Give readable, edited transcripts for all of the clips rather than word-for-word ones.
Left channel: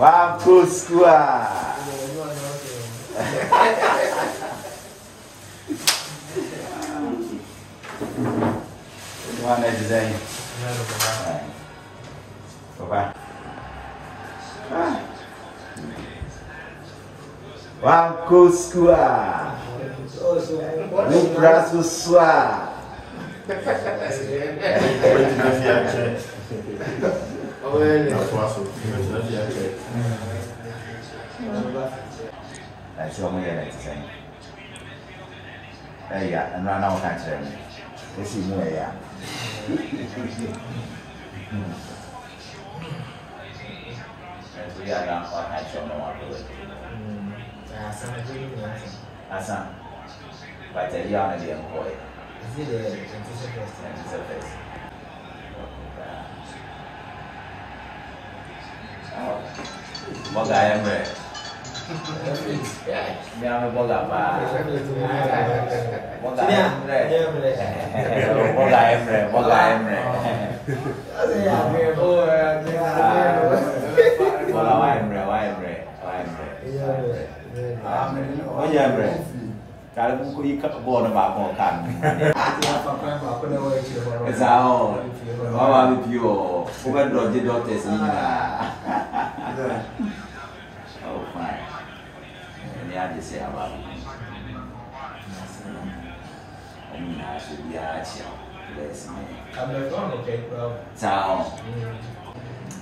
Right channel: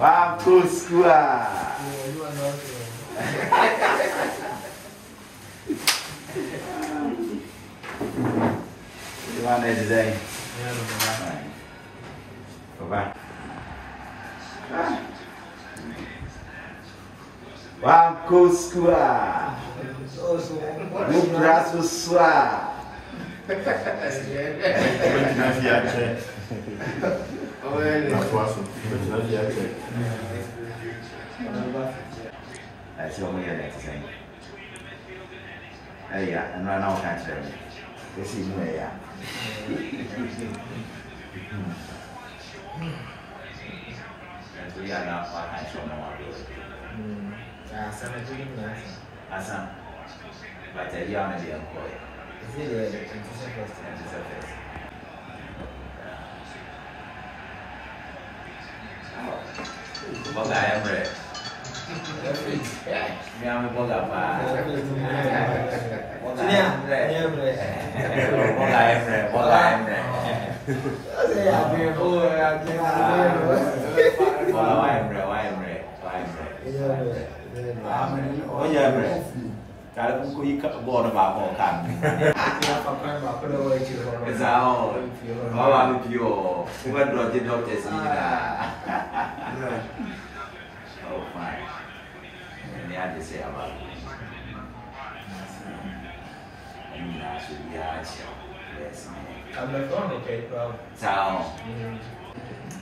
Bagus gua. Gimana desain? Apa? Bagus gua. Lubra susua. Siamo io adesso sei. Ya, no cancelli. Così non è ya. Dia ada apa cancelli mau apa? Sama juga ya. Asam. Baca dia mana dia mau? Ini dia interface. Boga Emre. Minha boga apa? Boga Emre. Boga Emre. Oh ya Emre. Kalau buku ikat bola apa kan? Zao. Bawa video. Bukan dokter sini lah. Oh fine. Ini aja sih apa? Ini masih biasa. Zao.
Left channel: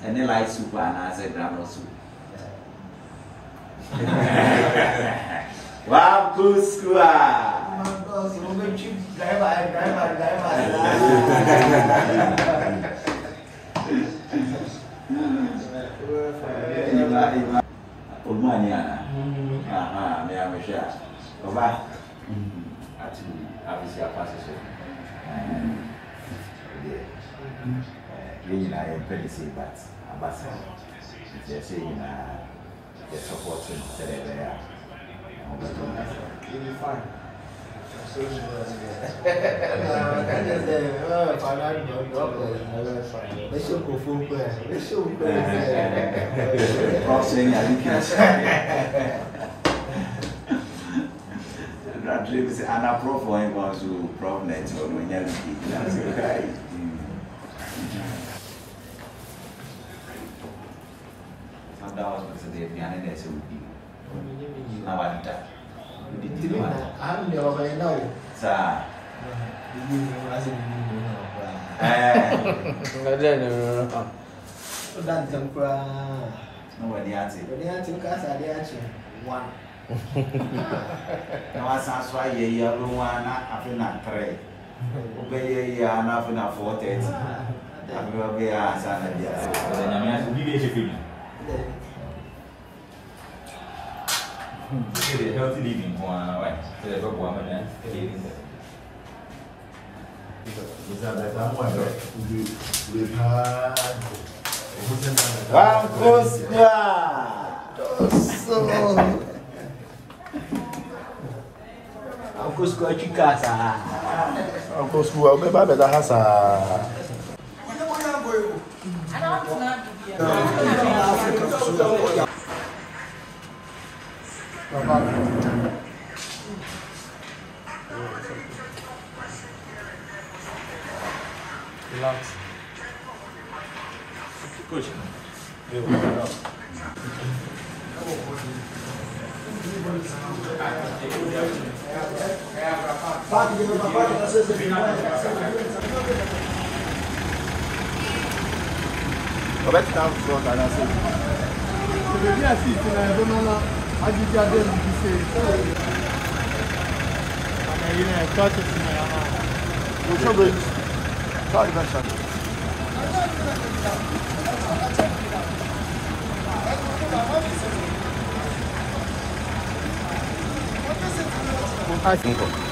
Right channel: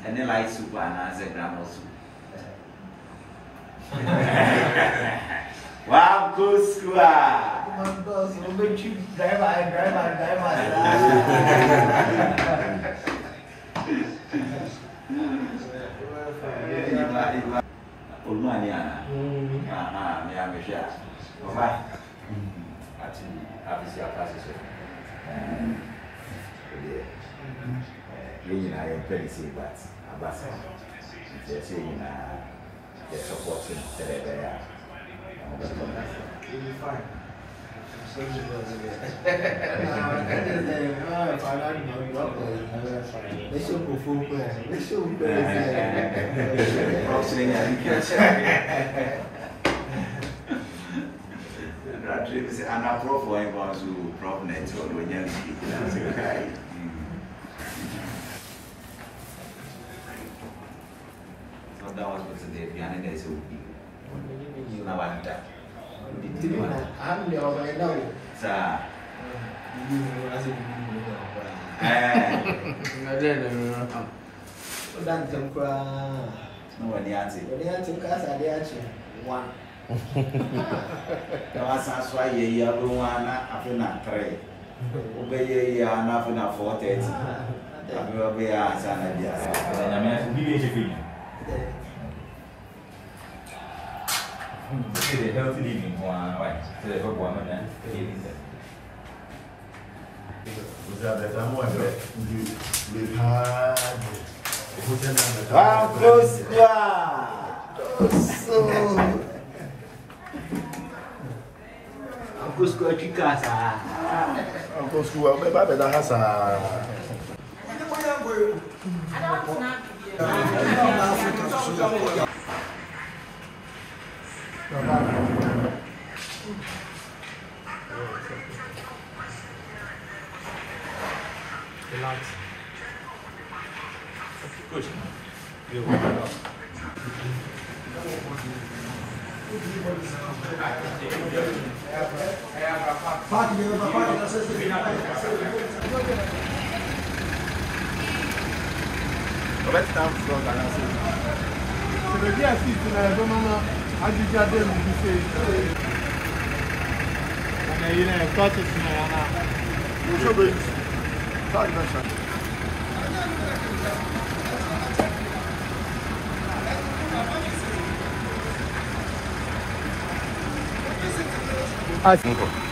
Ini light super anase gramo super. Bagus gua. Ulmanya. Dia bisa. Coba. Habis siapa sih? Ini lah yang prediksi abas. Jadi ini dia supporting terhadap Ini fun. Anak prof yang masuk prof net soalnya di kelas sekali. Sampai awal kita biar ada SUP. Nawanta. Itu dia orang yang tahu. Sa. Ini masih begini. Enggak ada nih. Dan tempura. Semua dia sih. Dia cuma dia aja. One. Nawasa swa ye ya rumana afina 3. Ube ye ya na afina 4:30. Abiwa be ya sana dia. Kalau namanya ubi be chefini. Jadi healthy living wah, jadi bawa mana? Bisa datang pada di lihat. Bagus gua. Bagus gua juga sah. Bagus gua, oke pada dah sah. Relax. Push. C'est bien si tu n'as vraiment pas du jardin du lycée. On a eu un pote qui n'a rien. Nkɔ.